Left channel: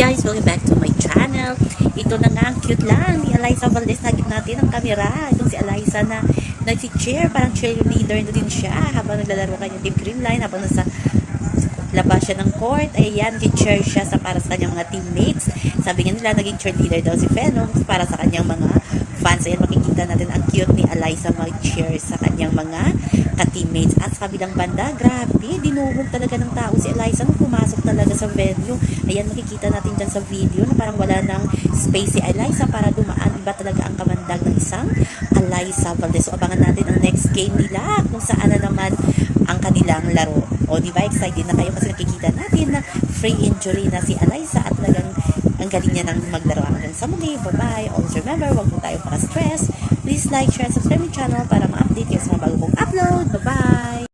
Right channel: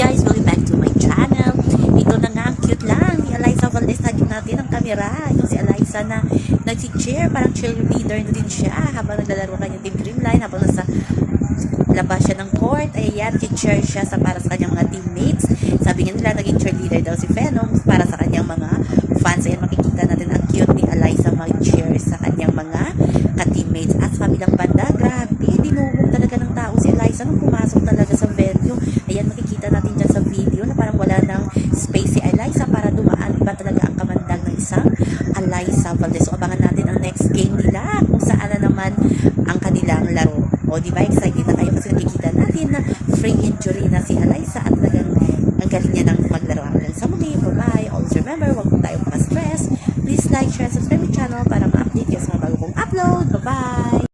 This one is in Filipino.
guys, welcome back to my channel. Ito na nga, cute lang ni Eliza Valdez. Nagyan natin ang kamera. Itong si Eliza na nag-cheer, parang cheerleader na din siya habang naglalaro kanyang team green line, habang nasa labas siya ng court. Ayan, nag-cheer siya sa para sa kanyang mga teammates. Sabi nga nila, naging cheerleader daw si Venom para sa kanyang mga fans. Ayan, makikita natin ang cute ni Eliza mag-cheer sa kanyang mga ka-teammates. At sa kabilang banda, grabe, dinuhog talaga ng tao si Eliza nung pumasok talaga sa venue. Ayan, makikita natin dyan sa video na parang wala ng space si Eliza para dumaan. Iba talaga ang kamandag ng isang Eliza Valdez. So, abangan natin ang next game nila kung saan na naman ang kanilang laro. O, di ba, excited na kayo kasi nakikita natin na free injury na si Eliza at talagang ang galing niya ng maglaro. Hanggang sa muli, bye-bye. Always remember, huwag po tayo maka-stress. Please like, share, subscribe my channel para ma-update kayo sa mga bago kong upload. Bye-bye!